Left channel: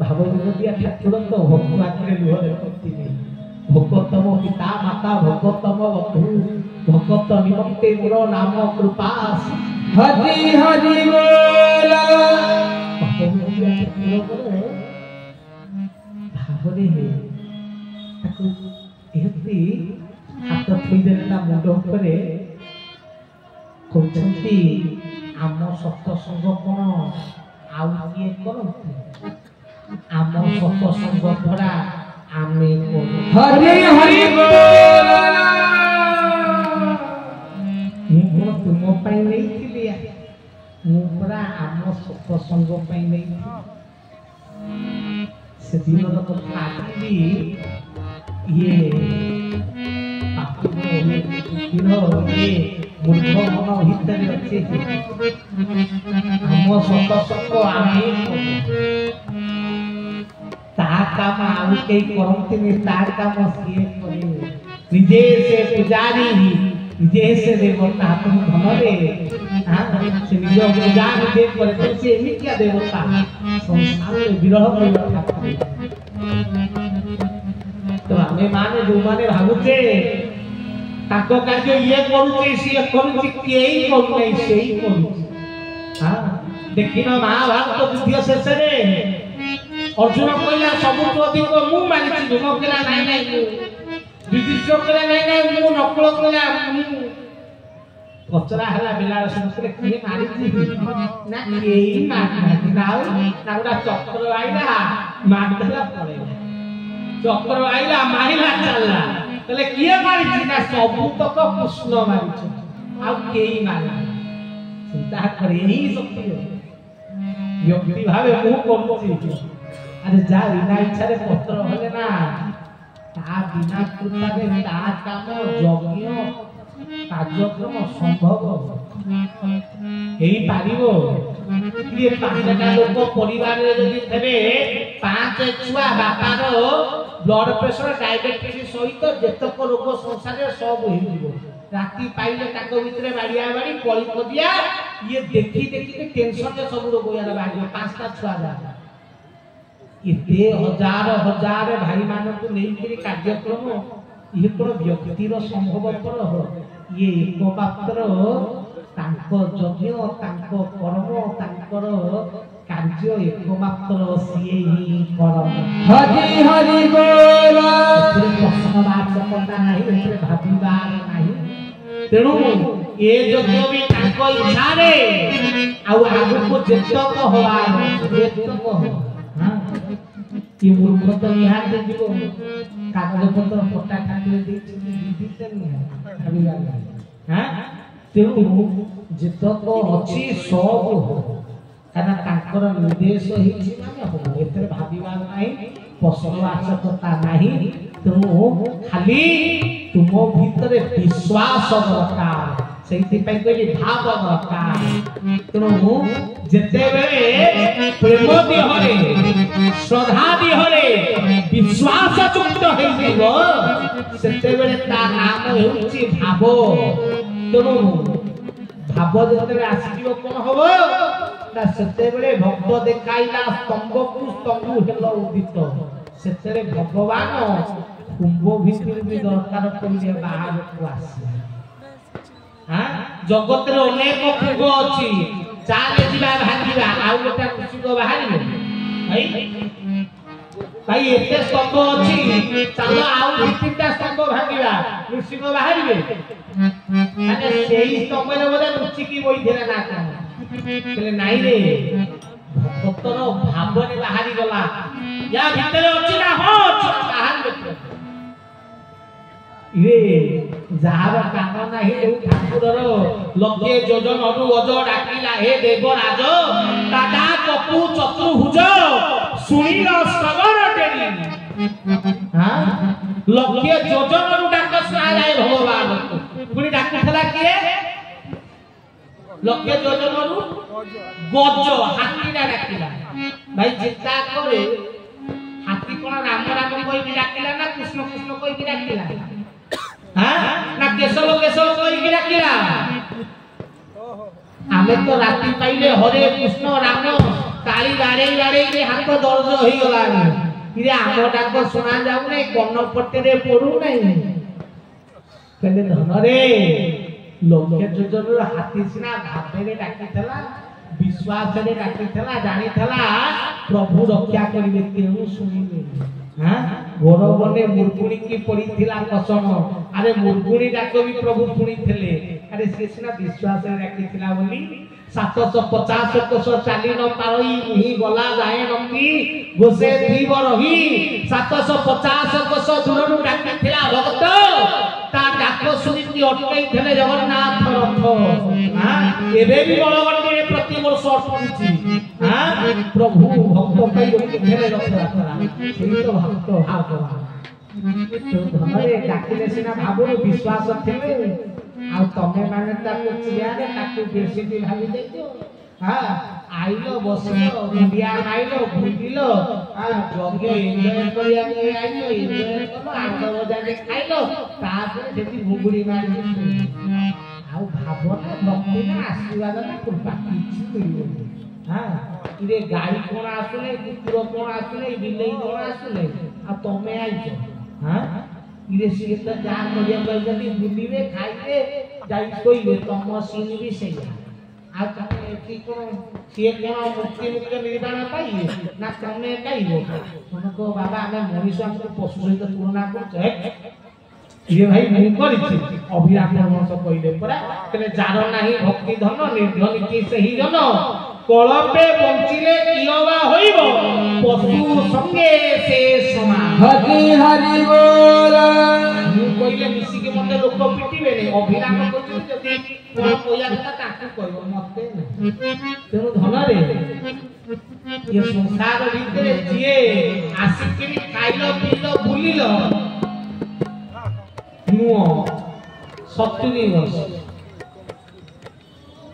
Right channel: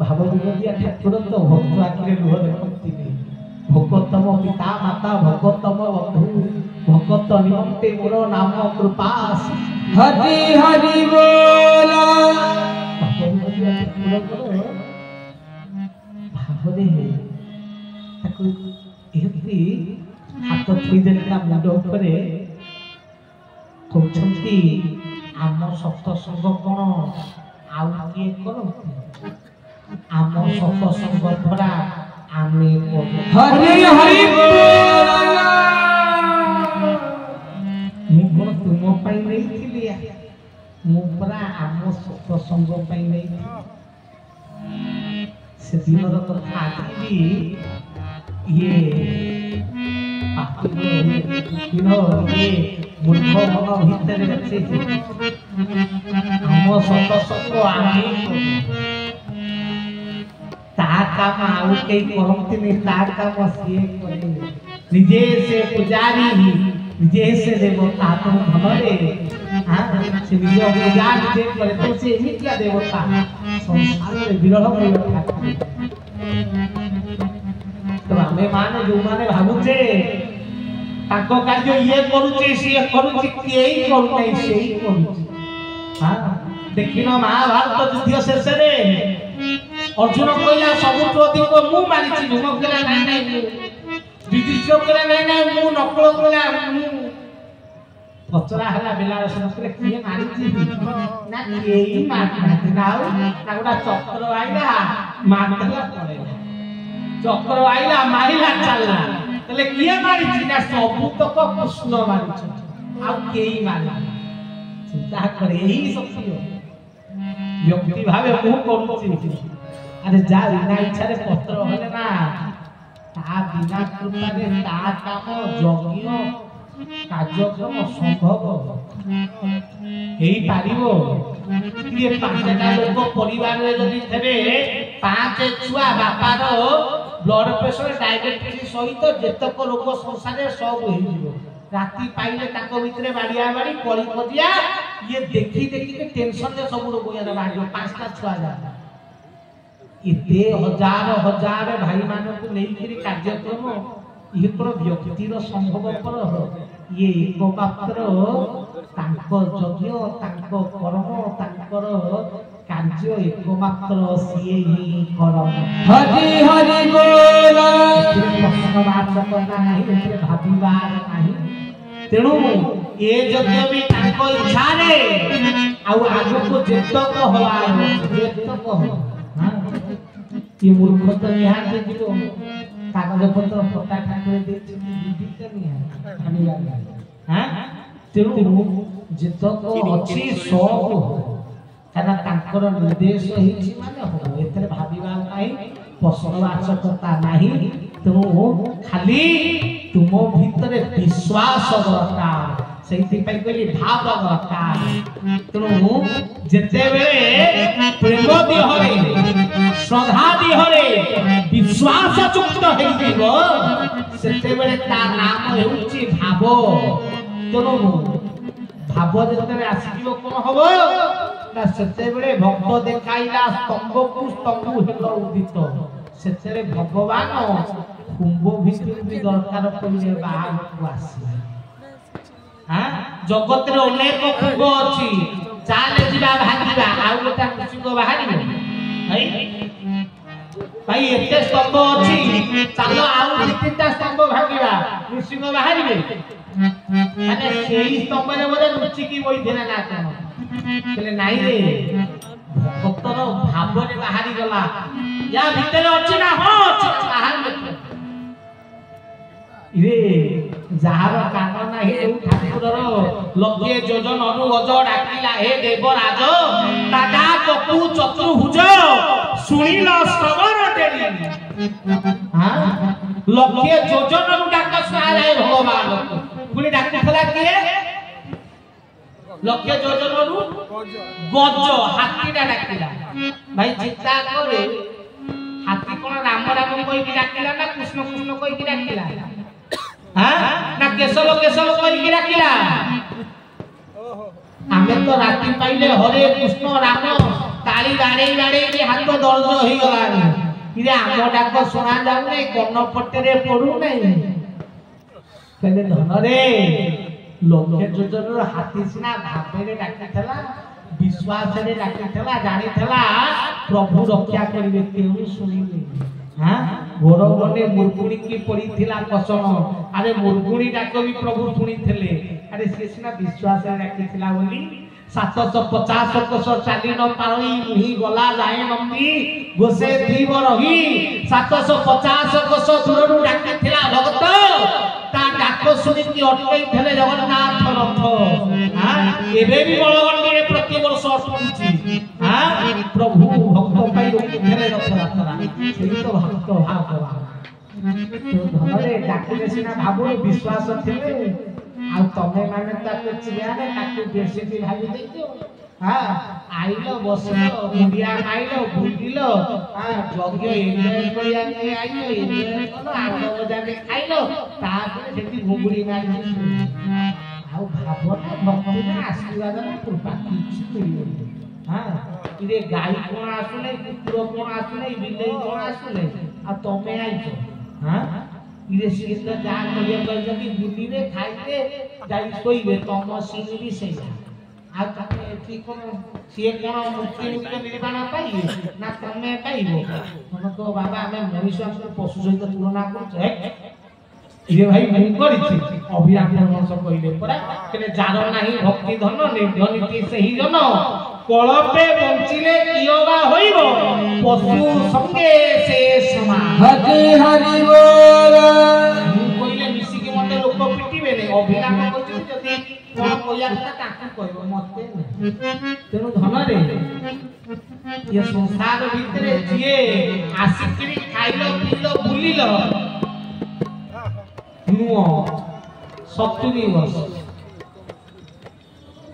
भाव विनोदिया ठाकुर तो भक्त आखिरे लुह देखती भगतम पिता माता भगतम बंधु भगत निमंते मोर नाम कृपास हरि हरि बोला भाव विनोदिया ठाकुर भावरे ताको एति हाथ थई देला मुंड उपरे कहते आम सत्संग कौन आउ किए करती आम सत्संग भरा आमे हरि हरि बोल मुझे तुम पाई नहीं थी मुरा आम सत्संग पाई नहीं से दिन कथा आखि ये ये मूर्ख मन भितर अच्छे हम सत्संग आमे काम आउ कई करते नहीं तार काम सिए करे निजे से पुजारी निजे से देवता तुम धमरे हां से निजे पूजा निजे करे तो से क्या देवता संसार में विरह कर तो हमें माने जो माने भाबुचे ताको कार्य ये करूचे से करूची यही करू नहीं से ही करू हां देखिना महाभारत युद्ध शेष रे अर्जुन कहला सबुठु अधिक मु मारिछि भीम कहला नाही नाही युधिष्ठिर कहला नाही नाही मु नकल कहला पचरा हला बेला संस्कृत किए मारिछि ना केई मारना नाउ नाउडा चक्र आइला मारला पड़े चक्र आइला मारिला चलला तले किए मारिछि ना सबु तक कृष्ण मारिछि आ केई मारला चिंता करे ही शक्ति व्यक्ति भावे मु करूछि अरे जा बिना इच्छा रे पत्र होले ना ता बिना कृपा रे ता काम यज्ञ कार्यक्रम संभव हेई पारिबो ये पांचटा लोक परिवार रे जदी थबे पांच छुआ बापार ब्लड प्रेशर डायबिटीज सहित जेतक रोग संसार रे सब होई जिवो राती पाइले ताको भितरे बाड़िया बाड़ी पळी खदिया ये देखि देखि के टेंशन जे सब रोग या बाड़ी पांचटा छुआ जा इते हजार हजार भाई मान को नहीं कार्यक्रम ये पर व्यक्तिर संभव पर ये एक मात्र तांको यज्ञ तांको कर्म तांकर कार्य एक मात्र सिए ही करम हरि हरि बोला प्रश्न वाचक नाही एते भाबिबार नाही तेणु ए यज्ञ भी तांको इच्छा रे आ आगु को जेतक होवार जेतक हो ये मूर्ख तो यहाँ दे दिलो कागज पत्र पट्टा ठाकुर दे विधि तो नहीं खाली वाला हां तेणु जेतक अछि सब हो काना तांकर निर्देश ही माने हो एतरे भाबिबा नाही पशुवाचकता नाही तेणु खाली तुम भितरे विश्वास दरकार सेति पई कहली भाव दरकार तेणु जेते बेले प्रेम दिहरे श्रद्धा दिहरे विश्वास युक्त हेई दिगो सेते बेले ता नाम हेउची भाव तेणु भाव जेते आसीबो कोन हबो ना सेते बेले भक्त देखाइला स्तंभ को स्तंभ हेलो उदित सेते भगवान कुंभ भितर भी दरकार पइले बाहर को आसी हां जगत रे अनेक कुंभ अछि चाले जिबा भांगिबा आउ गोटा कुसिको बाहरिबो भाई एते स्तंभ अछि चालो आउ तीनटा स्तंभ भांगिबा कुसिको बाहरिबे माने सेही स्तंभ रे बोले रुचि की बोइथेना ना कोन कहले नाही रे भक्तर भाव रे बाहरी गला या भीतर अछि ना हो बाहर में इरे जाहर कान नाही ए ठाकुरर लगे जोजन अनु अज डाकिला हे देवराज दादा कपु चतुर्भुज सुनिल श्रवण टेली हां लगे जोजन अनु डाक सालाय भगवान पुनी डाकथला किए लगे जोजन अनु गज हाथी डाकिला भाई चिंता करे हाथी कोन राम राम कोइ कि डाकिला ना कृष्ण कृष्ण कोइ कि डाकिला हां ना केशव केशव कोइ कि डाकिला आमे तो राती पाइले हरे कृष्ण राम ताली गाड़े गाड़े के हाथ दर्द हो गलानी इरे आम डाक सुना जाऊ नहीं कन्न पट्टे पड़ू नहीं कहले धन रे लक्ष्य जोजन हाथी सिना भावे डाकिला विश्वास रे डाकिला जानिला प्रभु रक्षा करिवे केहू सुनिले हां घोर बने मुरगुणी की पड़ीथिला कसम अरे मुरगुणी डाक भी प्रभु सुनिथिले अरे से सिना विश्वास रे डाकिला बोली 750 कोस चाली न पाई ही गला जाए नंदी गोसे थीब रही 750 कोस दूरनु डाकिथिला भक्त ता डाक सुनिति अटकै थले जगन्नाथ रथ हां एबे भी बड़गंडी रे प्रति वर्ष अटकुची हां प्रभु भक्त पई रोकी थले रथ यात्रा सेही तो भक्त भाव करा तो धरे डाकिले सिना भाबो विश्वास थिले आ तमे माने ताके चियारे ताके बेसी भी भाबी देइतो हां आइलो बसलो मुंडिया खाइलो बुलिलो हां जग्य एन्जॉय करिया आइलो एन्जॉय करो आनंद मजा के खाइलो ताके जेति भुगुड़ी मारि आ भावना भक्ति ना आशीर्वाद ना कृपा किछि मिलियो हां इरे गाई कोन आसुले कुकुर कोन आसुले बिल्ली कोन आसुले आ तमे आइछो हां इरे से तो जान करिया जदी बुली रे खाइते जाई सोइबे तम सिनी भी सेया आ तमे एठी कोन से कोन मुक्ति मुक्त निर्वाण पाइए ना तमे पाइबो तमे तो बाबा हमें मनुष्य को पशु सहित तुलना करछ ये भाई मु करिछि अभिराम वंश कइले परा कने जार नाही भक्ति धन निर्धन की सही जन कलपे बंचिले कियोबा होइबो पशु संगे से समा हरि हरि बोल मु कइले मिसी के मते लोक पिटिबे ने अभिराम कइछि जदी कोन कोया का ताकू कहबो मते तेनु धन रे ये संसार भितरे जिए आसिकरी खाइलो पिलो बुलिलो नुओ 70 वर्ष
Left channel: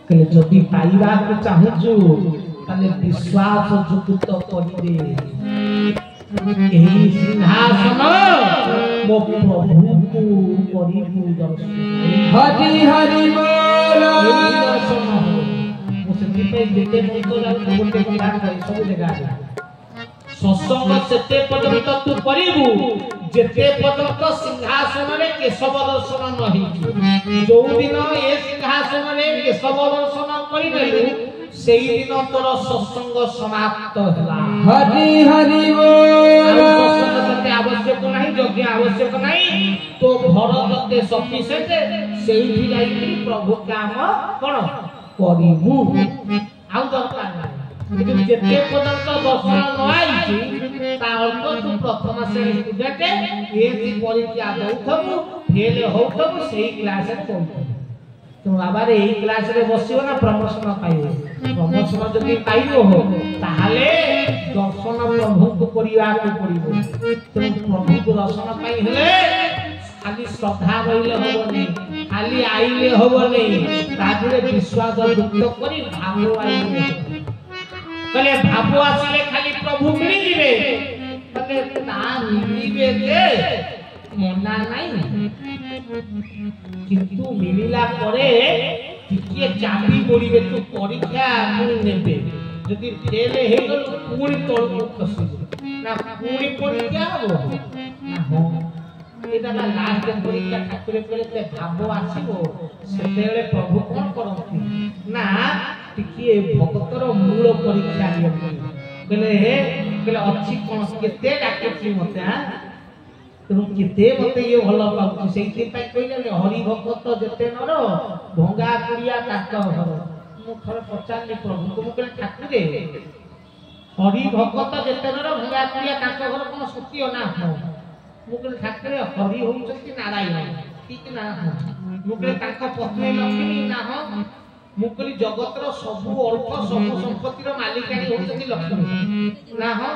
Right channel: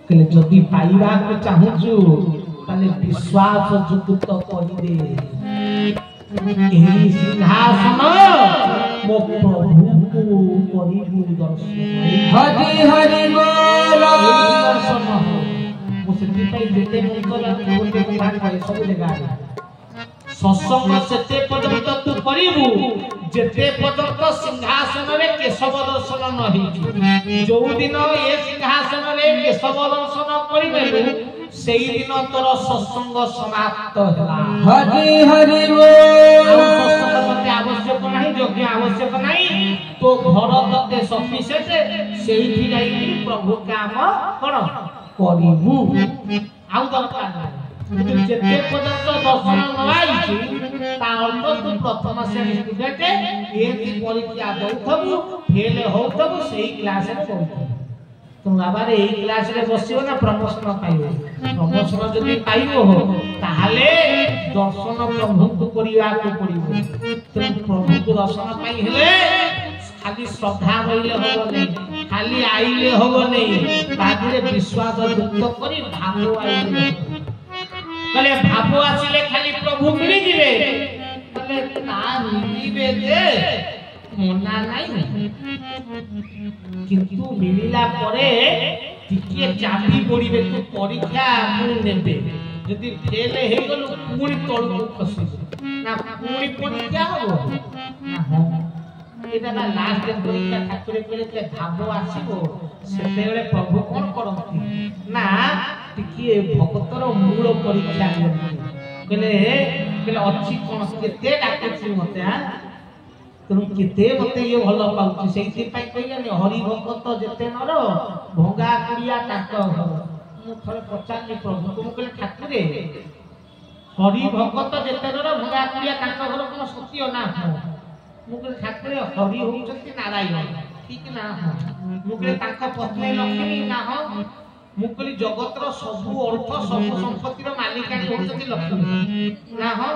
कले जदी पाइबा को चाहूछु तने विश्वास जुक्त करिवे एही सिंहासन मो प्रभु को करिबु दर्शन हरि हरि बोल दर्शन मो सेति पई जेते मुकोला गोटे किरान भाई सब जगह सत्संग सेते पर्यंत तू करिबु जेते पर्यंत सिंहासन रे केशव दर्शन नहि जो दिन ए सिंहासन रे केशव दर्शन करिबेलु सेही दिन तोर सत्संग समाप्त होला हरि हरि बोल सत्संग आवश्यक नाही योग्य आवश्यक नाही तो घर तते सफिशिएंट सेही जाई प्रभु काम कोन करिबु आउ दरकार नाही जेते पर्यंत दर्शन नआइछि ता अर्थ तू प्रथम श्रेणी स्टूडेंट एति परीक्षा दउथबु फेल होउथबु सेही क्लास रे पढु तो बाबा रे एही क्लास रे बसियो ना प्रमोशन पाइबो प्रमोशन जदि पाइबो हो ताहाले दर्शन प्रभु को करिया को पड़िबो तो प्रभु को दर्शन पाई हेले खाली श्रद्धा रहिले होबो नै खाली आइले होबो नै तादिरे विश्वास युक्त करी भाव आइले कले भाव आसिले खाली प्रभु मिली दिबे कले ता मिलिबे जे मना नाही किंतु मिलिला परे टिके चाबी पड़िबे तो परीक्षा मु नेबे जदि फेल हे गल पूरी तळ को खसिबो ना पूरी परीक्षा हो ना हो एटा ना लास्ट परीक्षा ठाकुर केले भाव आसीबो सेतेले प्रभु कोन करंती ना टिके भक्तर मूल परीक्षा नियंती केले अछि कोन केते डाकछि मते हां तुम केते मते ये भलो पाउछि सेति पई कहले हरि भक्त जेते नर भंगा कुड़िया काट हो मु थरे पचारनी प्रभु तुम कहले ठाकुरे हरि भक्त जेते नर भंगा कुड़िया काट घर कोन सत्य ना हो मु कहले ठाकुरे हरि होउछंती नारायण ठीक ना हो मु कहले ताका पत्नी लक्ष्मी ना हो मु कहली जगतर सब अर्थ सब संपत्तिर मालिकाणी होउछंती लक्ष्मी ना हो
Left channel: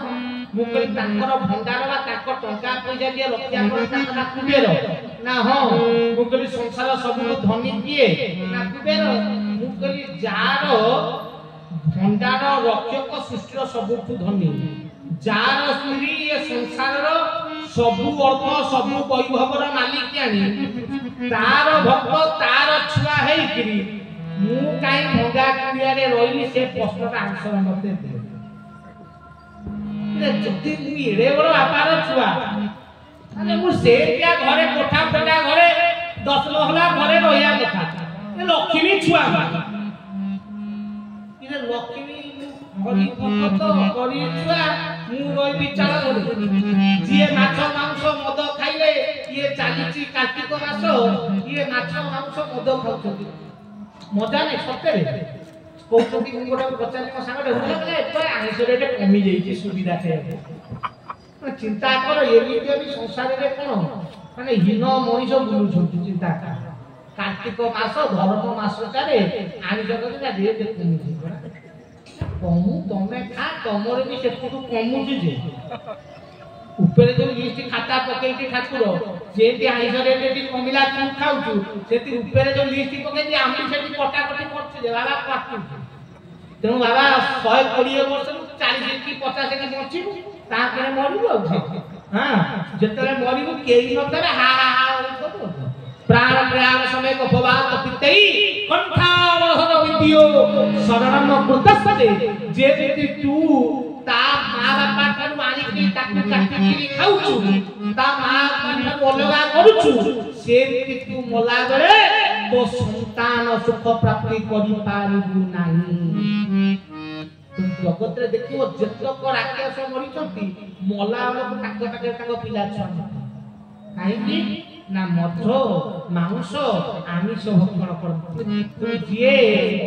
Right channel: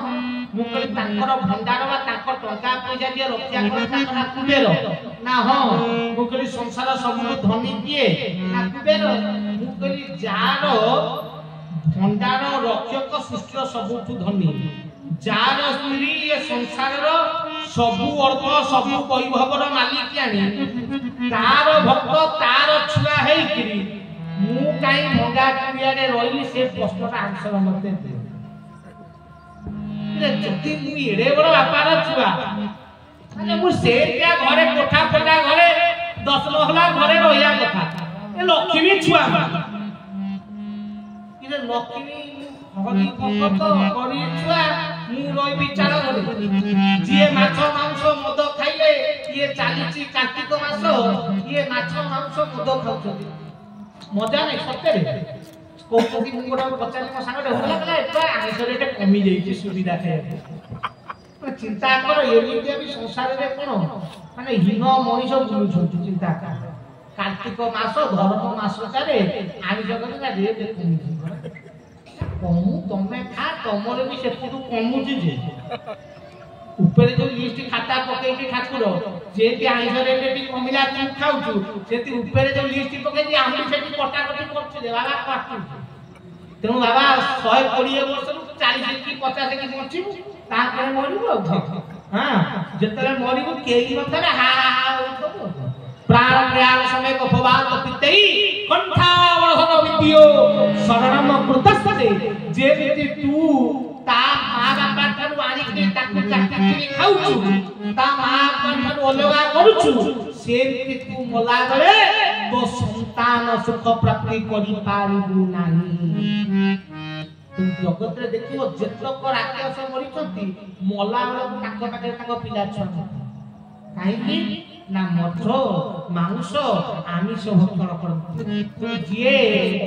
मु कहली ताकर भंडार बा ताकर टंका पैसा जे रक्षा कर ताकर कुबेर ना हो मु कहली संसार सब धनी किए ना कुबेर मु कहली जार भंडार रक्षक सृष्टिर सबठु धनी जार स्त्री ये संसार सब अर्थ सब वैभवर मालिकाणी तार भक्त तार छुआ हेइकरी मु काई भंगा कुड़िया रे रहिली से प्रश्नटा आंसर मते दे ଯଦି ମୁଁ ଏଡେ ବଡ ବାପାର ଛୁଆ ମାନେ ମୁଁ ସେଠିଆ ଘରେ କୋଠା ଫୋଟା ଘରେ 10 ମହଲା ଘରେ ରହିବା କଥା ଏ ଲକ୍ଷ୍ମୀ ଛୁଆ ଇରେ ଲକ୍ଷ୍ମୀ ହରି ଭକ୍ତ ହରି ଛୁଆ ମୁଁ ରହିବି ଚାଳ ଘରେ ଯିଏ ମାଛ ମାଂସ ମଦ ଖାଇଲେ ଇଏ ଚାଲିଛି କାର୍ତ୍ତିକ ମାସ ଇଏ ମାଛ ମାଂସ ମଦ ଖାଉଛନ୍ତି ମଜା ନାହିଁ ସତରେ କହୁଛନ୍ତି ମୁଁ ଗୋଟେ ପଚାରି ମୋ ସାଙ୍ଗଟେ ହୁଏ ଏବେ ଆଇଁଷରେ ଏଟେ କମି ଯାଇଛି ସୁବିଧା ଖାଇବାକୁ ଚିନ୍ତା କର ଏମିତିଆ ବି ସଂସାରରେ କଣ ମାନେ ହୀନ ମଣିଷ ବୁଲୁଛନ୍ତି ଚିନ୍ତା କର କାର୍ତ୍ତିକ ମାସ ଧର୍ମ ମାସଟାରେ ଆଇଁଷ କରିନା ରେଟ୍ କମିଯିବ କମୁ ତମେ ଖା ତମର ବି ସେପଟୁ କମୁଛି ଯେ ଉପରେ ଯୋଉ ଲିଷ୍ଟ ଖାତା ପକେଇକି ଠାକୁର ଯେମିତି ଆଇଁଷ ରେଟ୍ କମିଲା ତୁ ଖାଉଛୁ ସେମିତି ଉପରେ ଯୋଉ ଲିଷ୍ଟ ପକେଇକି ଆମେ ସେଠି କଟାକଟି କରୁଛୁ ଯେ ବାବା କାଟୁଛୁ ତେଣୁ ବାବା 120 ବର୍ଷରୁ 40 କି 50 କି ବଞ୍ଚିବୁ ତାପରେ ମରିବୁ ଆଉ ହଁ ଯେତେବେଳେ ମରିବୁ କେହି ନଥିବେ ହା ହା ହା ହଉଥିବୁ ପ୍ରାଣ ପ୍ରୟାଣ ସମୟ ଭବାତ ପିତେଇ କଣ୍ଠାବଳହର ବିଦ୍ୟୋ ଶରଣମ କୃତସ୍ତେ ଯେମିତି ତୁ ତା ମା ବାପା ଠାରୁ ଆଣିକି ତାକୁ କାଟିକି ଖାଉଛୁ ତା ମା ବାପା ଠାରୁ ଅଲଗା କରୁଛୁ ସେମିତି ତୁ ମଲା ବେଳେ ତୋ ସନ୍ତାନ ସୁଖ ପ୍ରାପ୍ତି କରିପାରିବୁ ନାହିଁ ଜଗତରେ ଦେଖିବ ଯେତକ ରାକ୍ଷସ ମରିଛନ୍ତି ମଲା ବେଳକୁ ତାଙ୍କ ପାଖରେ ତାଙ୍କ ପିଲା ଛୁଆ କାହିଁକି ନା ମଦ ମାଂସ ଆମିଷ ଭକ୍ଷଣ କରନ୍ତି ଯିଏ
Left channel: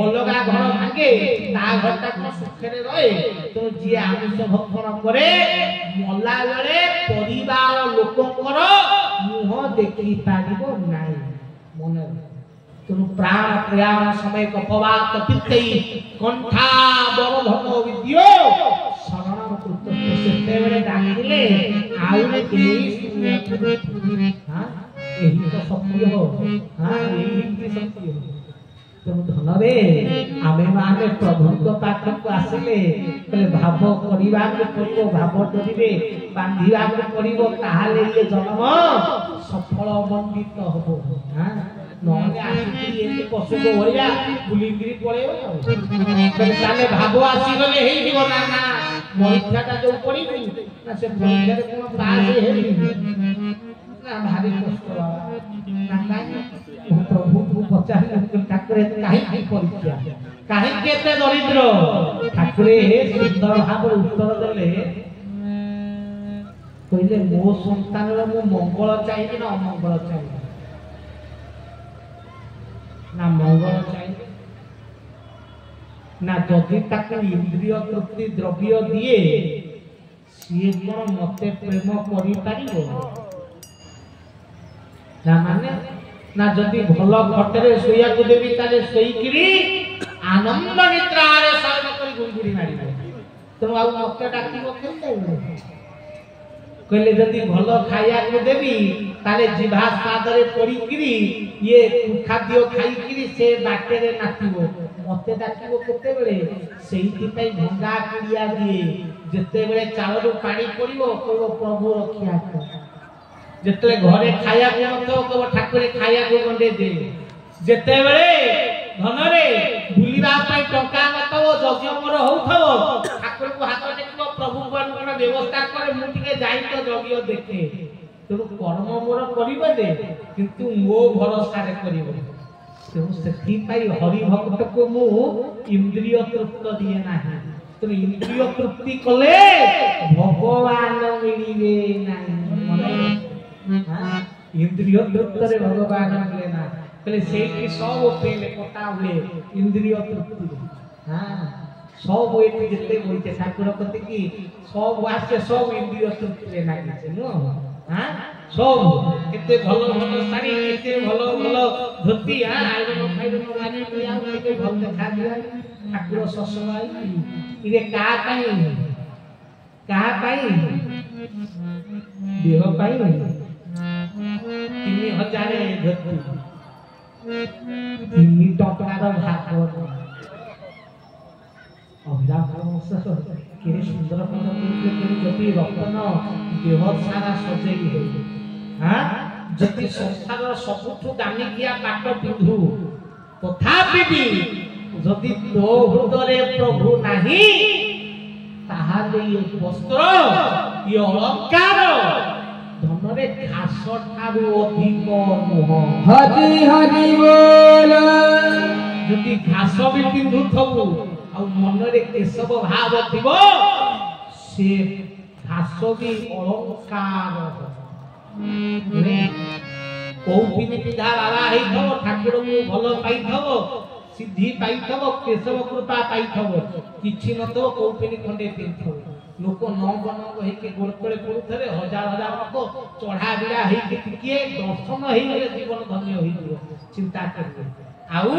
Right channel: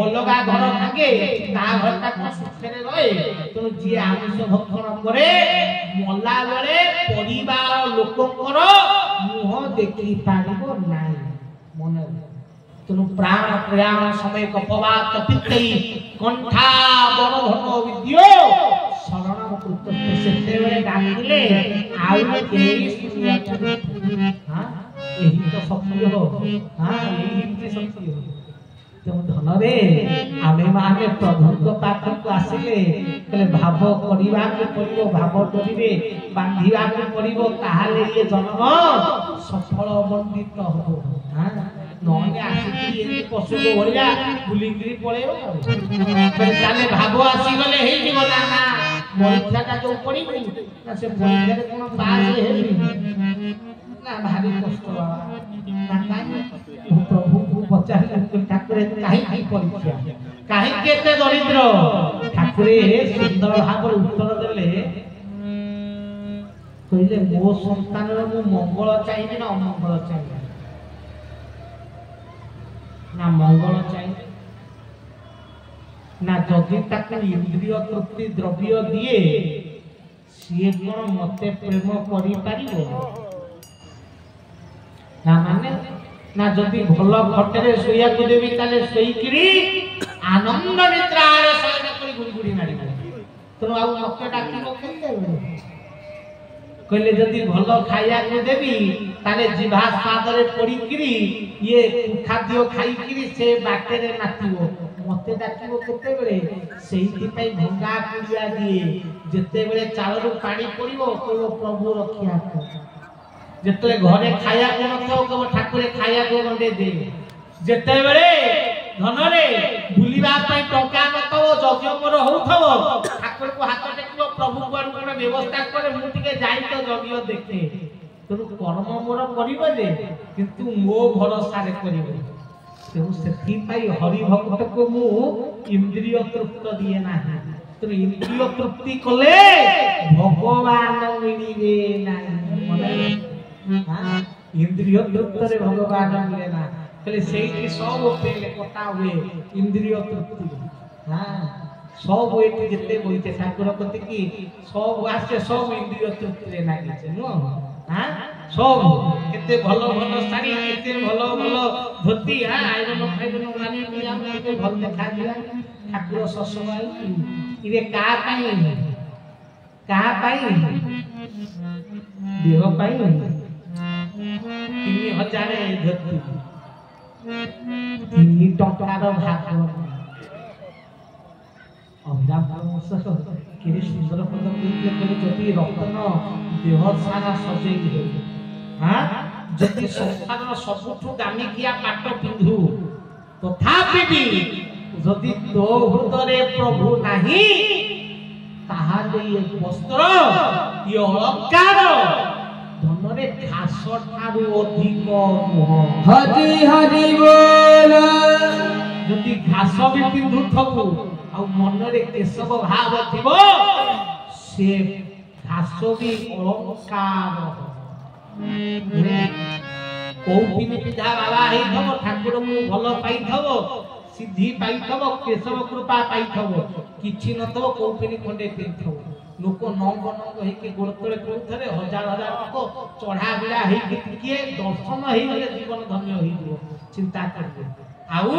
ଅଲଗା ଘର ଭାଙ୍ଗେ ତା ଘରଟା କଣ ସୁଖରେ ରହେ ତେଣୁ ଯିଏ ଆମିଷ ଭକ୍ଷଣ କରେ ମଲା ବେଳେ ପରିବାର ଲୋକଙ୍କର ମୁହଁ ଦେଖି ପାରିବ ନାହିଁ ମନେ ତେଣୁ ପ୍ରାଣ ପ୍ରୟାଣ ସମୟ କପବାତ ପିତେଇ କଣ୍ଠା ବର ଧର୍ମ ବିଦ୍ୟୋ ଶରଣ କୃତ ସେତେବେଳେ ଡାକିଲେ ଆଉ କେହି ଶୁଣିବାକୁ ଏହି ତ ସତ୍ୟ ଏହି ସତ୍ୟ ତେଣୁ ଧନରେ ଆମେ ମାନେ ପ୍ରଭୁଙ୍କ ପାଖକୁ ଆସିଲେ କହିଲେ ଭାବ କରିବାକୁ ପଡ଼ିବ ଭାବ କରିବେ ବାନ୍ଧିବାକୁ ପଡ଼ିବ ତାହେଲେ ଇଏ ଜନ୍ମ ସଫଳ ମଣ୍ଡିତ ହବ ନହେଲେ ଆସିକି ଏମିତି ପଶୁଙ୍କ ଭଳିଆ ବୁଲିକିରି ପଳେଇବ ତାହେଲେ ଭାବ ଆସିଗଲେ ହେଇଯିବ ନା ନା ପରୀକ୍ଷାଟା ଯୋଉ ପଡ଼ିବୁ ନା ସେ ପରୀକ୍ଷାରେ କଣ ପାସ୍ ହେବି ନା ଭାରି କଷ୍ଟ ପ୍ରଭୁଙ୍କୁ ପଚାରିଲେ ଠାକୁରେ କାହିଁକି ପରୀକ୍ଷା କାହିଁକି ଏତେ ଦରିଦ୍ର ଠାକୁରେ ସୁନ୍ଦର ଭାବରେ ଉତ୍ତର ଦେଲେ କହିଲେ ମୋ ସନ୍ତାନର ମୁଁ ମଙ୍ଗଳ ଚାହିଁବି ନା ଅମଙ୍ଗଳ ଚାହିଁବି ନା ମଙ୍ଗଳ ଚାହିଁବି ନା ଯଦି ତାକୁ ଇନ୍ଦ୍ରିୟ ତୃପ୍ତି ଦ୍ରବ୍ୟ ଦିଏ ସିଏ କଣ ମତେ ପ୍ରେମ କରିପାରିବ ନା ମାନେ ନା ଯଦି ଭଲ ଖଟରେ ଶୋଇବାକୁ ଦେବି ତାହେଲେ ଶୋଇକିରି ଆନନ୍ଦ ନିଦ୍ରାରେ ଶୟନ କରି ଗୁଡଗୁଡି ମାରିବ ତେଣୁ ଆଉ ମତେ ଡାକିବ କେତେବେଳେ କହିଲେ ଯଦି ଭଲ ଖାଇବାକୁ ଦେବି ତାହେଲେ ଜିଭା ସ୍ୱାଦରେ ପଡିକିରି ଇଏ ଖାଦ୍ୟ ଖାଇକିରି ସେ ବାଟରେ ନାଚିବ ମତେ ଡାକିବ କେତେବେଳେ ସେଇଥିପାଇଁ ଭଙ୍ଗା କୁଡ଼ିଆ ଦିଏ ଯେତେବେଳେ ଚାଳରୁ ପାଣି ପଡିବ କହିବ ପ୍ରଭୁ ରକ୍ଷା କର ଯେତେବେଳେ ଘରେ ଖାଇବାକୁ ନଥିବ କେବଳ ଠାକୁରେ ଖାଇବାକୁ ଗଣ୍ଡେ ଦେ ଯେତେବେଳେ ଧନରେ ବୁଲିବା ପାଇଁ ଟଙ୍କା ନଥିବ ଯଜ୍ଞ ମୋର ହଉଥିବ ଠାକୁରଙ୍କୁ ହାତ ଟେକିବ ପ୍ରଭୁ କଣ ବ୍ୟବସ୍ଥା କରେ ମୁଁ ଟିକେ ଯାଇ ତ ଯଜ୍ଞ ଦେଖେ ତେଣୁ କର୍ମ ମୋର କରିବ ଯେ କିନ୍ତୁ ମୋ ଭରସାରେ କରିବ ତେଣୁ ସେଥିପାଇଁ ହରି ଭକ୍ତକୁ ମୁଁ ଇନ୍ଦ୍ରିୟ ତୃପ୍ତ ଦିଏ ନାହିଁ ତେଣୁ ଇନ୍ଦ୍ରିୟ ତୃପ୍ତି କଲେ ଭଗବାନ ମିଳିବେ ନାହିଁ इंद्रिय तृप्ति भगवान मिले ना कहले सेठी सब पेले कटा हुए इंद्रिय तृप्ति हां सब एठी जते बोलते ठाकुर कति की सब वास्ते सब इंद्रिय तृप्ति रे लागे छै नो हां सब केते भलो भलो साड़ी केते भलो भलो धोती हां आइबन खाइबन माने हम के भल देखा दिया ठाकुर ससुराई इरे का पाई देह पाई 3000 धोती 3 टकार भाग अभिराम परमेश्वर के सुंदर पद कहते जदि रतन देह सारा सजेई हो हां जदि संसार सबुठु दामिकिया पाट पिंधु तथापि भी जदि तो हृदय प्रभु नाही ताहार ये वस्त्र ये अलंकार धनरे घास ठारू अधिक नुह हरि हरि बोल जदि घास भी पिंधुथबु आ मनरे केशव भाव थिबो से घास भी अलंकार कौपिनी पिधा बाबा हेथबो ठाकुर को भलो पाइथबो सिद्धि पाइथबो केशव कृपा पाइथबो किछि नथबो कौपिनी खंडे पिंथबो लोक नंग हेके गोड़ तले पड़ुथरे हजार हजार लोक चढ़ा बिड़ा हेके टिके दर्शन हेई गले जीवन धन्य होई जिवो चिंता करबो आउ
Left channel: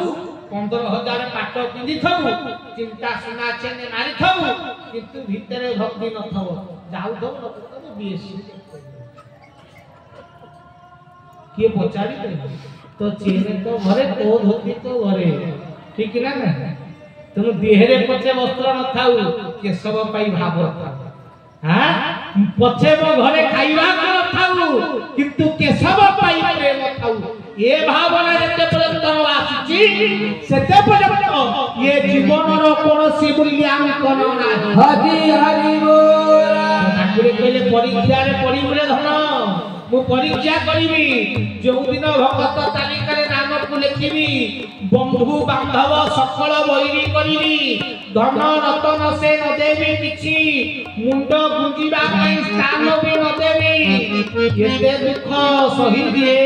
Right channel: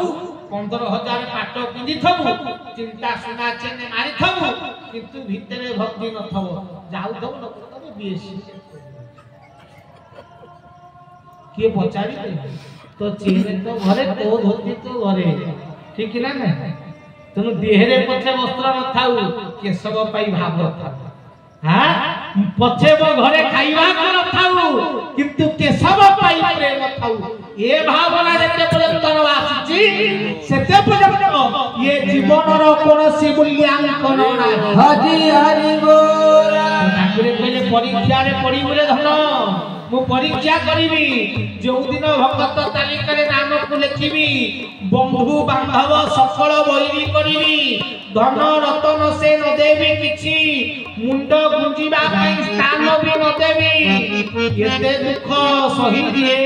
15,000 पाट पिंधि थबु चिंता सुना चेने मारि थबु किंतु भितरे भक्ति नथबो जाउ थबु नथबो बीएससी किए पचारि तो चेहरे तो घरे तो धोती तो घरे ठीक ना ना तेणु देहरे पछे वस्त्र न थाउ केशव पाई भाव थाउ हां पछे मो घरे खाइबा न थाउ किंतु केशव पाई प्रेम थाउ ए भावना जते पर्यंत आसीची सेते पर्यंत ये जीवनर कोनोसी मूल्यांकन नाही हरि हरि बोल ठाकुर कहले परीक्षा रे पड़ी बोले धन मु परीक्षा करिबी जो दिन भक्त तालिकारे नाम को लिखिबी बंधु बांधव सफल बहिरी करिबी धन रतन से न देबी किछि मुंड गुंजीबा पई स्थान भी न देबी एते दुख सही दिए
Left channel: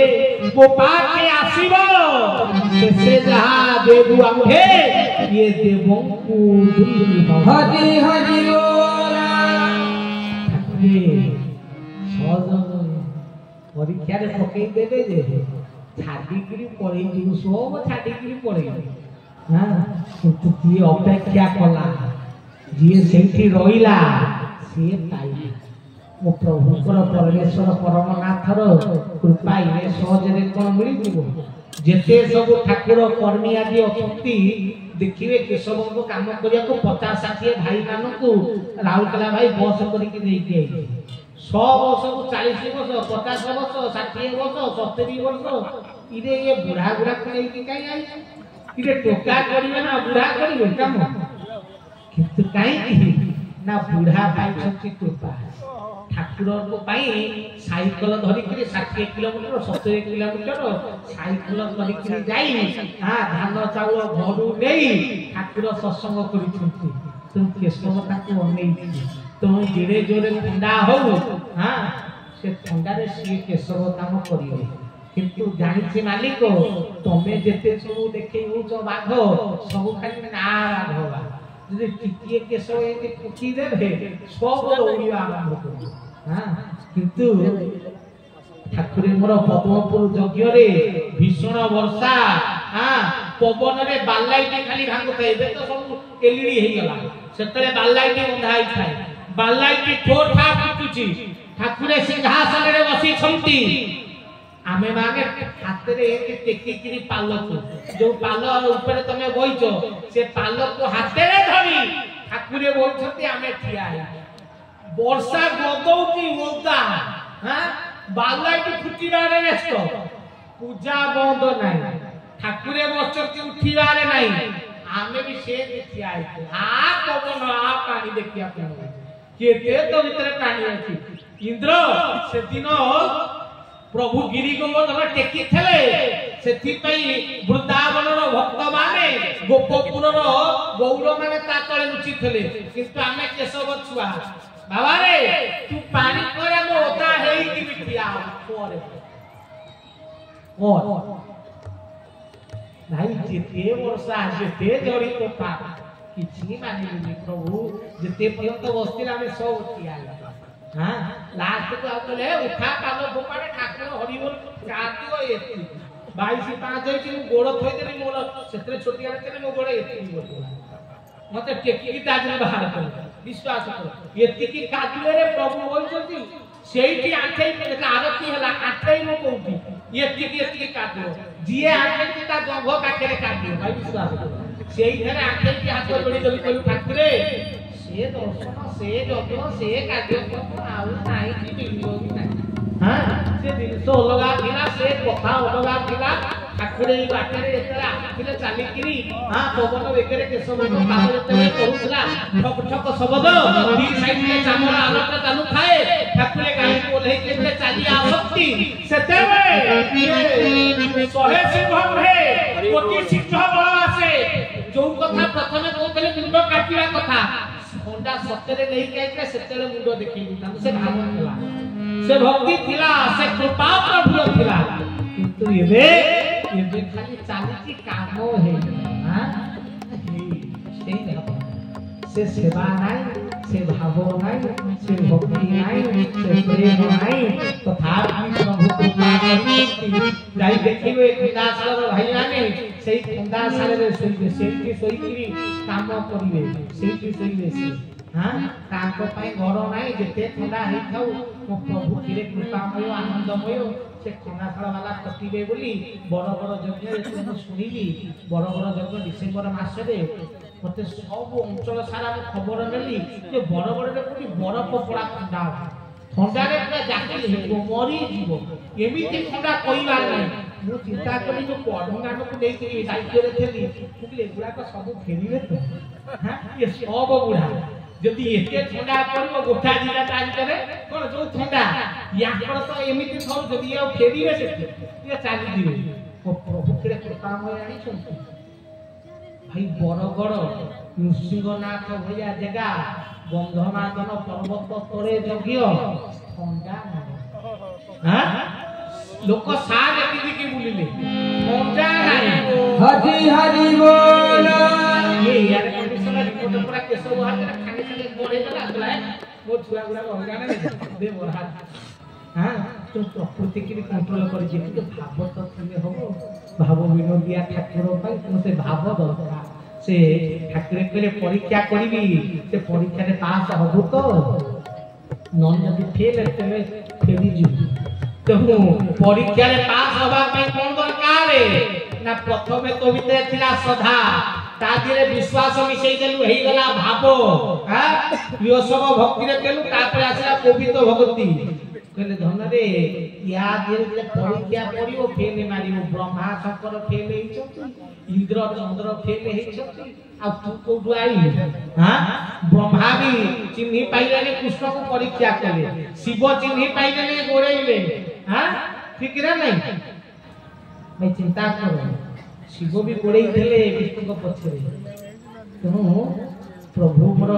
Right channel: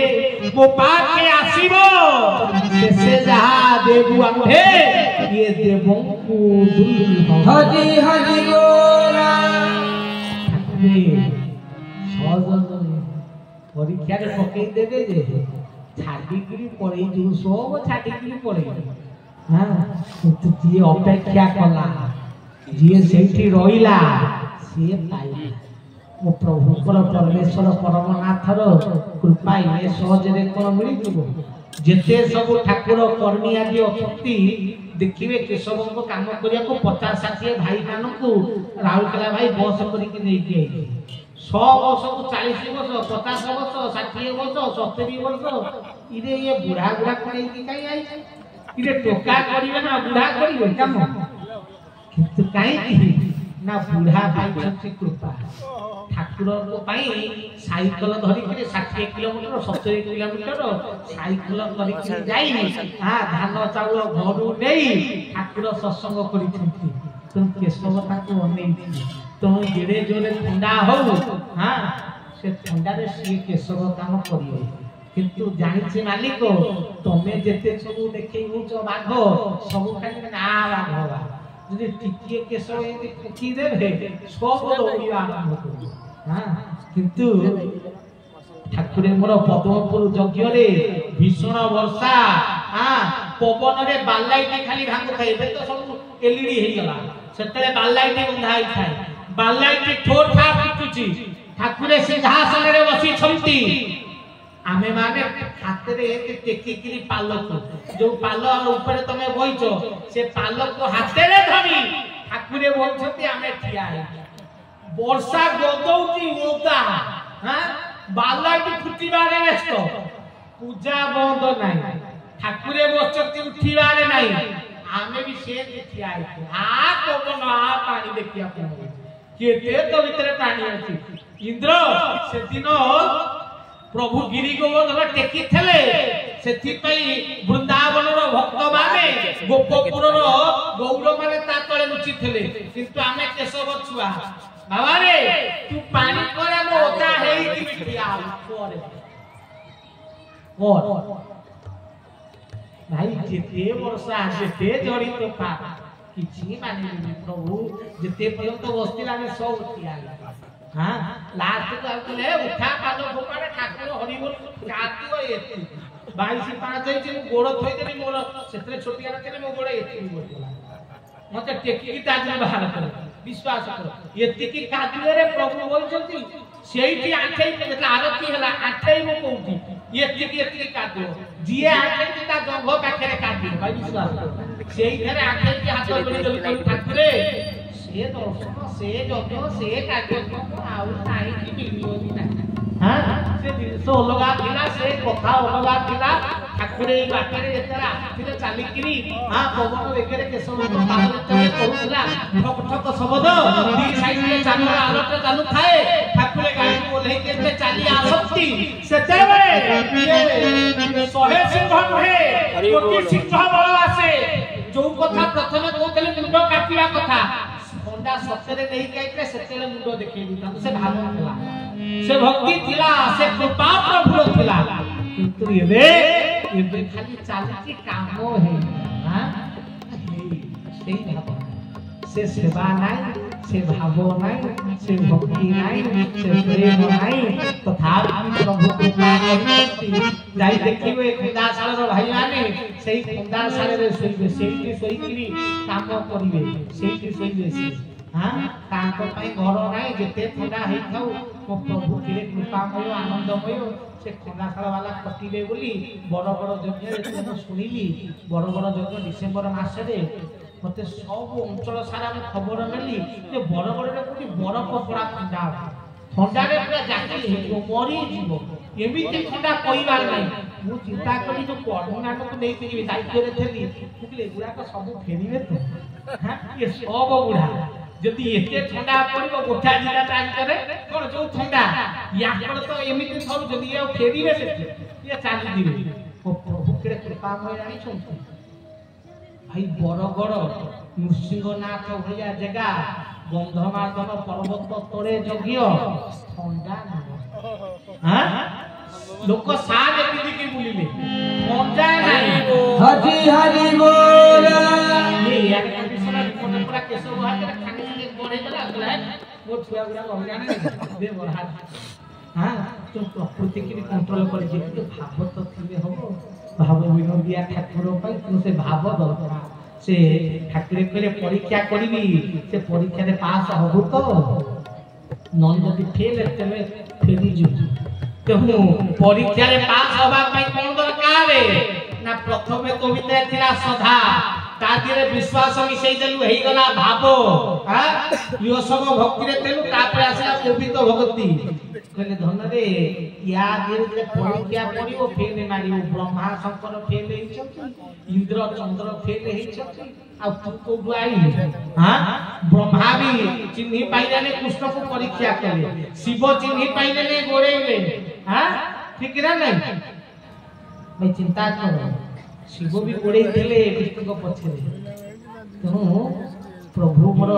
मो पाके आसीबो से जहा देबु आम्भे ये देबो को दुर्लभ हरि हरि बोल परीक्षा रे पकई देबे जे छाडी गिरी पड़ी जो सब छाडी गिरी पड़ी हां तो ये अपेक्षा कला जे सेठी रोइला से पाइला मो प्रभु परमेश्वर परमनाथर कृपा ये सहज रे कोन मिली जिवो जेते सब ठाकुर कर्मी आदि अछंती देखिबे केशव को काम करिया को 50-60 भाई मान को राहुलकला भाई बस करिके नै दिए 100 वर्ष को 40 वर्ष 50 वर्ष 60 वर्ष 70 वर्ष इरे ये बुढ़ा बुढ़ा को नहीं काई आई इरे टोका करिवे ना बुढ़ा करिवे काम किंतु काई ना बुढ़ा भाई छथि कृपा ठाकुर को पाई साइकिल धरि के 60 किलोमीटर 70 किलोमीटर साइकिल धरि के जाई हां धान चाउल घरु नेई ठाकुर सत्संग करिछथि तुम केशवता को अनेई तो जेरे जोरे ठंडा हो हां से ठंडा रे सी केशव काम करियो किंतु जानि छी मालिक तमे जेते सब देखै हो बाघ सब खाली ना बाघ যদি টিকিয়ে কেশব এতে কুচি দেবে সব দৌড়িয়া আরম্ভ করবে হ্যাঁ কিন্তু ঠাকুরের পদ্মপুর যজ্ঞরে ভীষণ বর্ষা হ্যাঁ পবনরে বাল্লাইটি খালি ভাঙুଥାଏ ଏବେ ତ ସବୁ ଏଲିଡି ହେଇଗଲା ସେତେବେଳେ ବାଲ୍ଲାଇଟି ବନ୍ଧା ହେଇଥାଏ ବାଲ୍ଲାଇଟି ଠୋର ଠା ପିଟୁଛି ଠାକୁରେ ସିଂହାସନରେ ବସିଛନ୍ତି आमे माने हातरे टेकिकिरी पालक जो पाल ऊपर तमे बइचो से पालक को हातरे धरी ठाकुरे बोलछथि आमे ठिया है वर्षा गदौची ओता हां बालाटी फुटिबारे व्यस्त पूजा बंद नाही ठाकुरे बसछथि उठिबारे नाही आमे भी से ठिया है आ पवन आ पानी देखिया केते तो भीतर पानी अछि इंद्र से दिनो प्रभु गिरी गोवर्धन टेकी थले सेथि पई वृंदावन रो भक्त माने गोपपुर रो गौर माने ता तळे लुचि थले किंतु आमे केशव छुआ बाबा रे तू पानी करे मो ओता हेई कि बिटिया करे और भाई जेते वर्षा जेते जड़ी तोफा किछि माने प्रभु जेते पर्यंत बस्तिला आमे सब उठिया हां लास्ट को आले उठा पालो गोपाळे ठाकुर हरि बोल कातियो एति 22 5 जाई गोड़ थई देली मोर सेतरे छोटिया रे मो गोड़ एति बोलला मते टेकी ताजने बाहर कर विश्वास कर एति की कातियो रे प्रभु बोलछथि सेईटी आठै में आरती हला आठै मो कोउटी एति की कातियो जिए आठै ता गंभ पाखे कातियो भाई विश्वास कर सेई घरे आठै की हाथ जोड़ी जोड़ी ठाकुरे से दर्शन से जग से कार्यक्रम आउ नाही कि मिलियो भी नाही हां से दिन सो अलगा थिला से कथा अलगा थिला ଠାକୁର ଏଇ ବାଟରେ ଯେତେବେଳେ ଆସିଥିଲେ ଚାଲିକିରି ପବନ ବେଗରେ କେଶବଙ୍କ ପାଦ ଯେତେବେଳେ କରୁଥିଲା ଠକ ଠକ ଶବ୍ଦ ଦି ସାଇଡରେ ଚାମର ଆଲୋକ ଚାଲୁଥାଏ ଠାକୁର ଗାଈକୁ ଓହ୍ଲେଇକି ଯେତେ ଚାଲି ଆସନ୍ତି ସେତେବେଳେ ଶହେ ସିଂହ ନୁହେଁ କୋଟି ସିଂହ ବଳ ଆସେ ଯୋଉ କଥା ପ୍ରଥମେ କହୁଥିଲେ ମୁଣ୍ଡ କାଟିବା କଥା ଥଣ୍ଡା ସତରେ ନେଇକି ଆଇଥିଲେ ସେତେବେଳେ ମୁଣ୍ଡ ଦେଖେଇ ଦେଇଥାନ୍ତୁ ସେ ଭାବ ଥିଲା ସେ ଭକ୍ତି ଥିଲା ସେ କୃପା ପ୍ରଭୁର ଥିଲା କିନ୍ତୁ ଏବେ ଖାଲି ଚାଲିଛି କାମ ହେଇଗଲା ସେଇ ଭାବ ସେ ସେବା ନାହିଁ ସେ ଭାବ ନାହିଁ ସେ ଭକ୍ତି ନାହିଁ ସେ ପ୍ରେମ ନାହିଁ ତଥାପି ପ୍ରଭୁ କୃପା କରିଛନ୍ତି ଯାଇ ଦେଖିବେ ଖଣ୍ଡାଶାଳର ଭାଇମାନେ ସେଇ ଖଣ୍ଡାଶାଳରେ ଶୋଇବେ ସେଇଠି ଶୋଇକିରି କାମ କରିବେ ସେଇଠି ଶୋଇବେ ସେ ତାଙ୍କ ପାଇଁ ଘର ନାହିଁ ଯେତେ ଥଣ୍ଡା ହେଇଥାଉ ମୋ ପ୍ରଭୁ କିରେ କୃପାମୟ ଆନନ୍ଦମୟ ସେ ଖଣ୍ଡାଶାଳ ବାଲା କଟିବେ ବୋଲି ବଡ଼ ବଡ଼ ଯଜ୍ଞରେ ମୁଁ ଶୁଣିଲି ବଡ଼ ବଡ଼ ଯଜ୍ଞ ଡିସେମ୍ବର ମାସରେ ମତେ ସବୁ ଅଞ୍ଚଳ ସାରା ମୁଁ ଖବର ନେଲି ଯେ ବଡ଼ ବଡ଼ରେ କୋଉଠି ବରଫ ପଡ଼ା ଥଣ୍ଡା ଥଣ୍ଡାରେ ପୁରା ଜାକି ହେଇଯିବ ମରିଯିବ ଏମିତି ଥଣ୍ଡା କହିବାର ନାହିଁ ମୁଁ ଚିନ୍ତା କଲି ଯେ ପଢୁମାନଙ୍କୁ ନେଇକି ଯିବି ଦାୟିତ୍ୱରେ ଥିଲି କହିଲି ଏଗୁଡ଼ାକ ସବୁ ଫେରିବେ ତ ଇଏ ସବୁ ବୁଢ଼ା ଯଦି ଏତେ ଥଣ୍ଡା ପଡ଼ିବ ଗୋଟା ଜିଲ୍ଲା ତା ଭିତରେ କ'ଣ ଯୋଉ ଥଣ୍ଡା ୟାଙ୍କର ତ ଏମିତି ଧରୁଛନ୍ତି ଇଏ ଆଉ ଫେରିବେ ସେଠି ଇଏ ଚାଲିଯିବେ ପ୍ରଭୁ କେଡ଼େ କୃପାମୟ ଆଣିଛନ୍ତି ଭାଇ ବରଗଡ଼ ନୃସିଂହନାଥ ଭଳିଆ ଜାଗା ଗନ୍ଧମାର୍ଦନ ପର୍ବତ ତଳେ ଯଜ୍ଞ ଥଣ୍ଡା ଲୋକ ସାରେ ପିନ୍ଧିକି ବୁଲିଲେ ଥଣ୍ଡା ନାହିଁ ହରି ହରି ବୋଲ ଏୟାର କଣ୍ଡିସନର ରିପୋର୍ଟ ପୁରା କେଶ ବାହାରେ ଖାଲି ଖାଲି ବଢେଇ ଦେଲା ଆସିଲା ମୋ ଛୁଆ ଗୁଡା ଅଲଗା ନାହିଁ ଦେ ବଢା तो प्रकृति की कंट्रोल कर जे भाव तो थिले हो भाव विनोदिया ठाकुर पाई से भाव दरकार से ठाकुर कहले परीक्षा करिबी से परीक्षा रे पास हबु तो नन जदी फेल तबे फेरी जिबु तो परीक्षा रे पास होबा पई कोन दरकार ना प्रथमे तो विते थिला सदा तादिरे विश्वास मिसई देलु हेई गला भाव यो सब भक्ति रे केलु तापर आसला पवित्र भक्ति कहले धन रे या धीरे धीरे परीक्षा पड़ियो फेल मारियो ब्रह्मा शंकर फेल हेइछथि इंद्र चंद्र फेल हेइछथि आ तू कोठु आई ब्रह्मा भी चिन्हि पाइले ने कृष्ण को परीक्षा कले शिव चिन्हि पाइले ने गोरेले ठीक ना नहीं मैं चिंता करो शिव भी गोड़े थे विष्णु को पछरे तेणु प्रभु मोर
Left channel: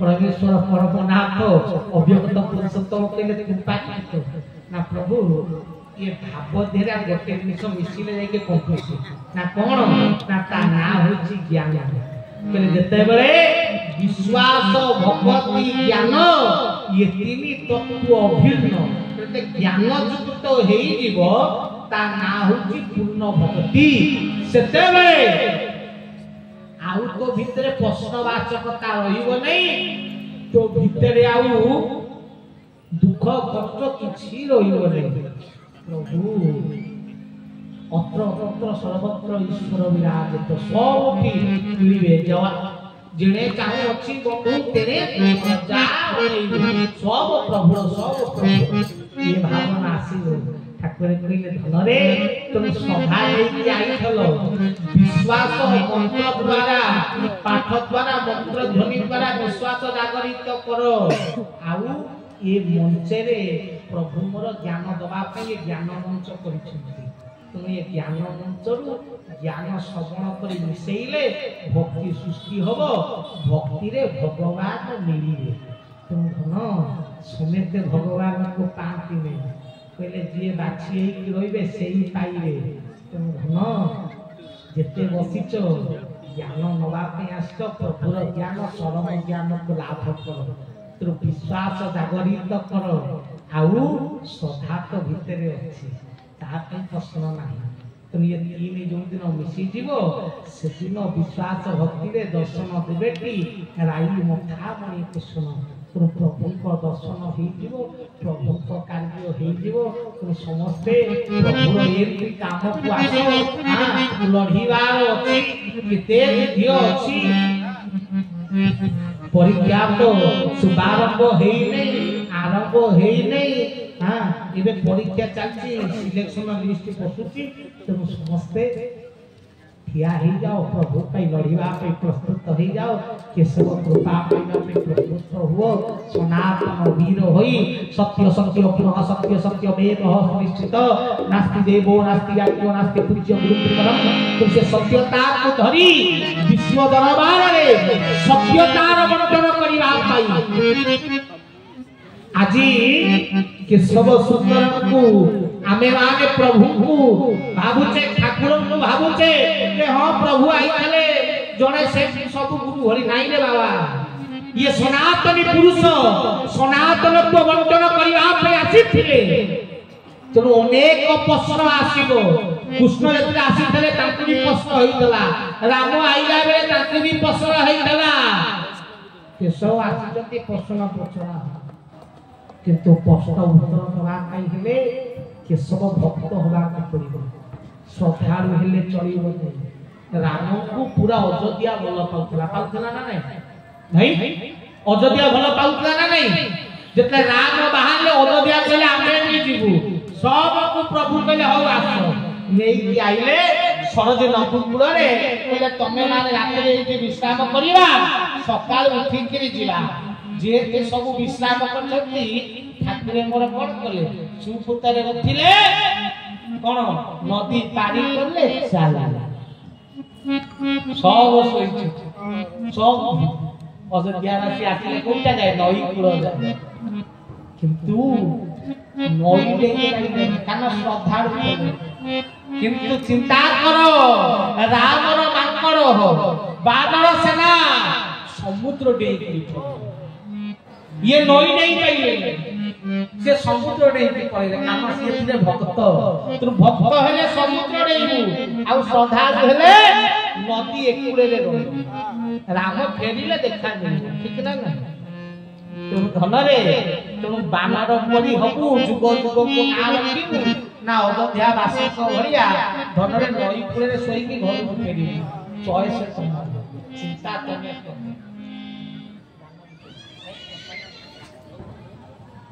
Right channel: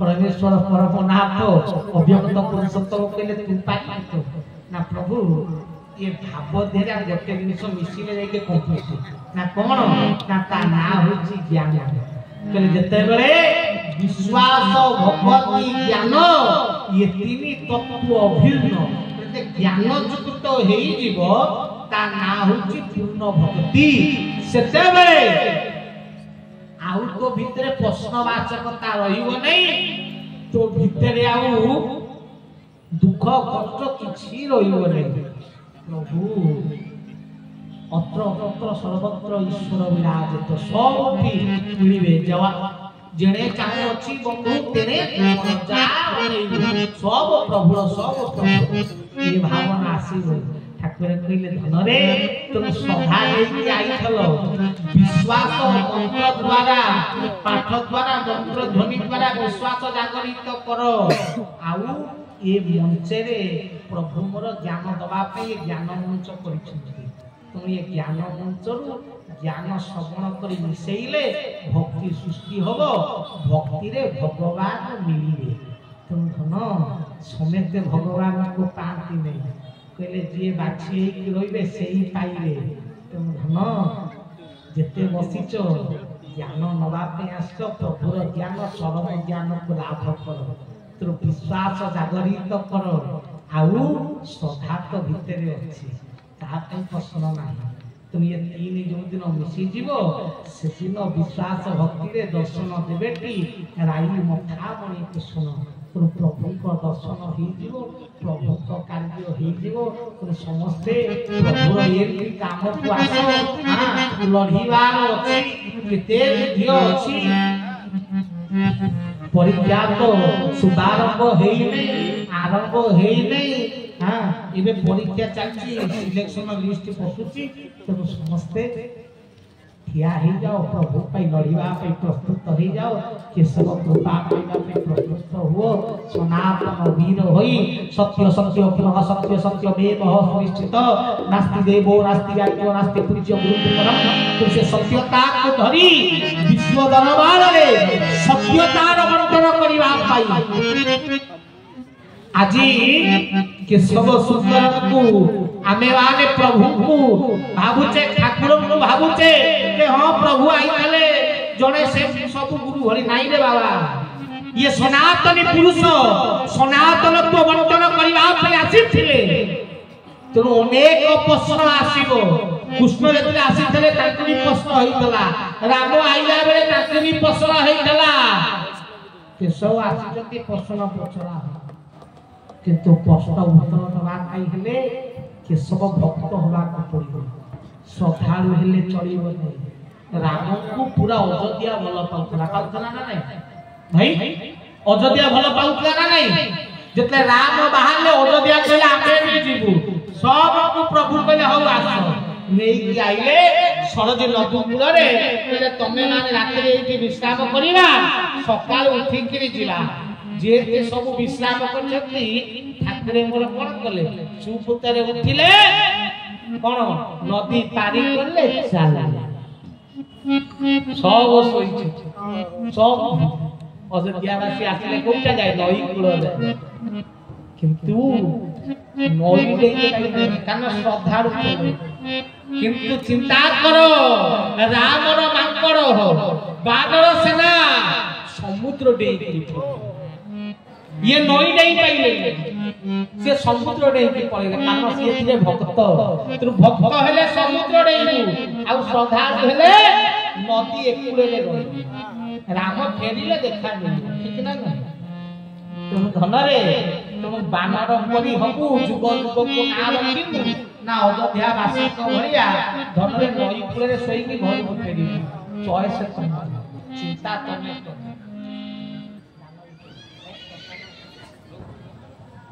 परमेश्वर परमनाथ अव्यक्त पुरुषोत्तम कहले तू पाई ना प्रभु ये भाव देरा गोटे जिनिस मिसिले जाके पहुंचे ना कोन ना ता ना होची ज्ञान कहले जते बेले विश्वास भक्ति ज्ञान ये तीन तत्व अभिन्न प्रत्येक ज्ञान युक्त हेई जीवो ता ना होची पूर्ण भक्ति सेते बेले आउ को भितरे प्रश्नवाचकता रहिबो नै तो भितरे आउ दुख कष्ट किछि रहिबो नै प्रभु अत्र सर्वत्र ईश्वर विराजित सबठी मिलिबे जवा जेने चाहे अछि बंधु तेने जा सब प्रभु ये भावना आसीबो ठाकुर कहले धन रे तुम सभा लेके आइथलो विश्वास मंत्र द्वारा पाठ द्वारा मंत्र ध्वनि द्वारा विश्वास जागरित करो आउ ये मंचे रे प्रभु मोर ज्ञान दबा पे ये ज्ञान मंच करिछथि तुम ये ज्ञान मंच रु ज्ञान श्रवण करी मिसेइले भक्ति सृष्टि होबो भक्ति रे भगवान मिलिबे तुम धन समेते भगवान को पांति नहीं कहले जी बाछी कि रहिबे सेही पाइबे तुम धन जेते बसिचो ज्ञान नबा पे आसो प्रभुर ज्ञान परम ज्ञान को लाभ करो तो विश्वास जागरित करो आउ श्रद्धा तो भितरे अछि ता पे प्रश्न नाही तुम ये तीन जो दिन मिसी जीवो से दिन विश्वास भक्ति रे दर्शन देबे की राई मथा मणि कृष्ण प्रभु को दर्शन हो प्रभु को कार्य हो समस्ते प्रभु ये काम को आसो लड़ीवार अछि केते विधि अछि परीक्षा तो शुभारंभ हेई नै आरंभ हेई नै हाँ इबे परीक्षा चलची सिलेक्शन लिस्ट पसुची तो समस्ते ठिया ही जाओ प्रभु कई लड़ीवा पे प्रस्तुत हो जाओ केशव कृपा पाइबा पे प्रस्तुत हुओ सनातन वीर होई सत्य सत्य पुनः सत्य सत्य वेद निश्चित नास्ति देवो नास्ति राज्यो नास्ति पूज्य गुरुपरम तुमसे सत्यता को धरी विश्व दरबार रे सत्यतार बंटन करिवा पाई আজি केशव सुंदर को आमे आने प्रभु को भाबुचे ठाकुर को भाबुचे के हां प्रभु आई गले जने से सब गुरु हरि नाही रे बाबा ये सनातनी पुरुष सनातन को बंटन करिवा पे आसीथिले तेणु अनेक प्रश्न आसीबो कृष्ण जेतले आसीथिले तांको भी प्रश्न होइतला राम आइला बेले तांको भी प्रश्न होइतला केशव आसीजती प्रश्न पचरा किंतु प्रश्न उत्तर दवा कई हेले केशव भक्त होगा को पड़िबो श्रद्धालु हेले चलिबो नै राम को पूरा अयोध्या भल पाउतला ना नै भाई अयोध्या भल पाउतला ना नै जते राम बाहरले अयोध्या कहले आमे भी जीवु सब को प्रभु कहले हो आस नेई के आइले सरज नदू कूल रे कहले तमे माने रात रे एठी विश्राम करिवा सकाळ उठी के जिला जे सब विश्राम करछथि ठाकुरे मोर कोन कले सुपुतरे उठिले कोन नदी पारी करले चाला सब सोइछ सब अयोध्यावासी आसिले कोटा जाय नई कूल जाय किंतु नई देखे कान श्रद्धा किंतु चिंता करो रामर मांकड़ बानर सेना समुद्र डेई ये नई नहीं पाइले से समुद्र डेई पड़े कारण से थिले भक्त तू भक्त हेले समुद्र डेई आ श्रद्धालु हेले नदी एकुले रे रह राम फेरिले देखा नहीं ठीक ना ना तुम धन रे तुम बानर परी हबु जुग जुग को ना रखिनु ना अयोध्या वासी को भरिया धन रे नई कूले रे सोई की घर को फेरि चॉइस चिंता करने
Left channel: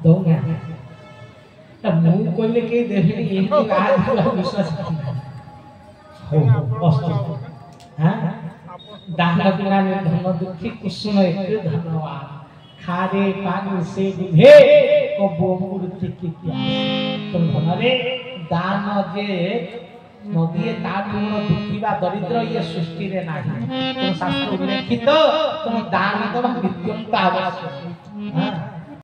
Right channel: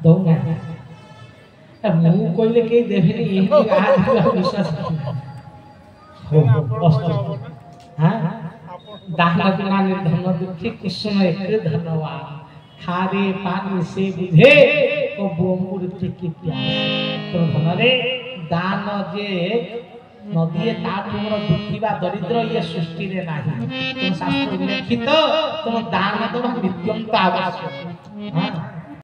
दौना अब मुंह कोइले के देबे ये आज विश्वास हो अस्त हां दान बिना धन दुखी कृष्ण एक धन्यवाद खारे पानी से बुझे को बोमूर्ति की प्यास तो धनरे दान जे नदी तार दुखीबा दरिद्र ये सृष्टि रे नाही तो शास्त्र लिखित तो दान तो विद्वंत आवश्यक हां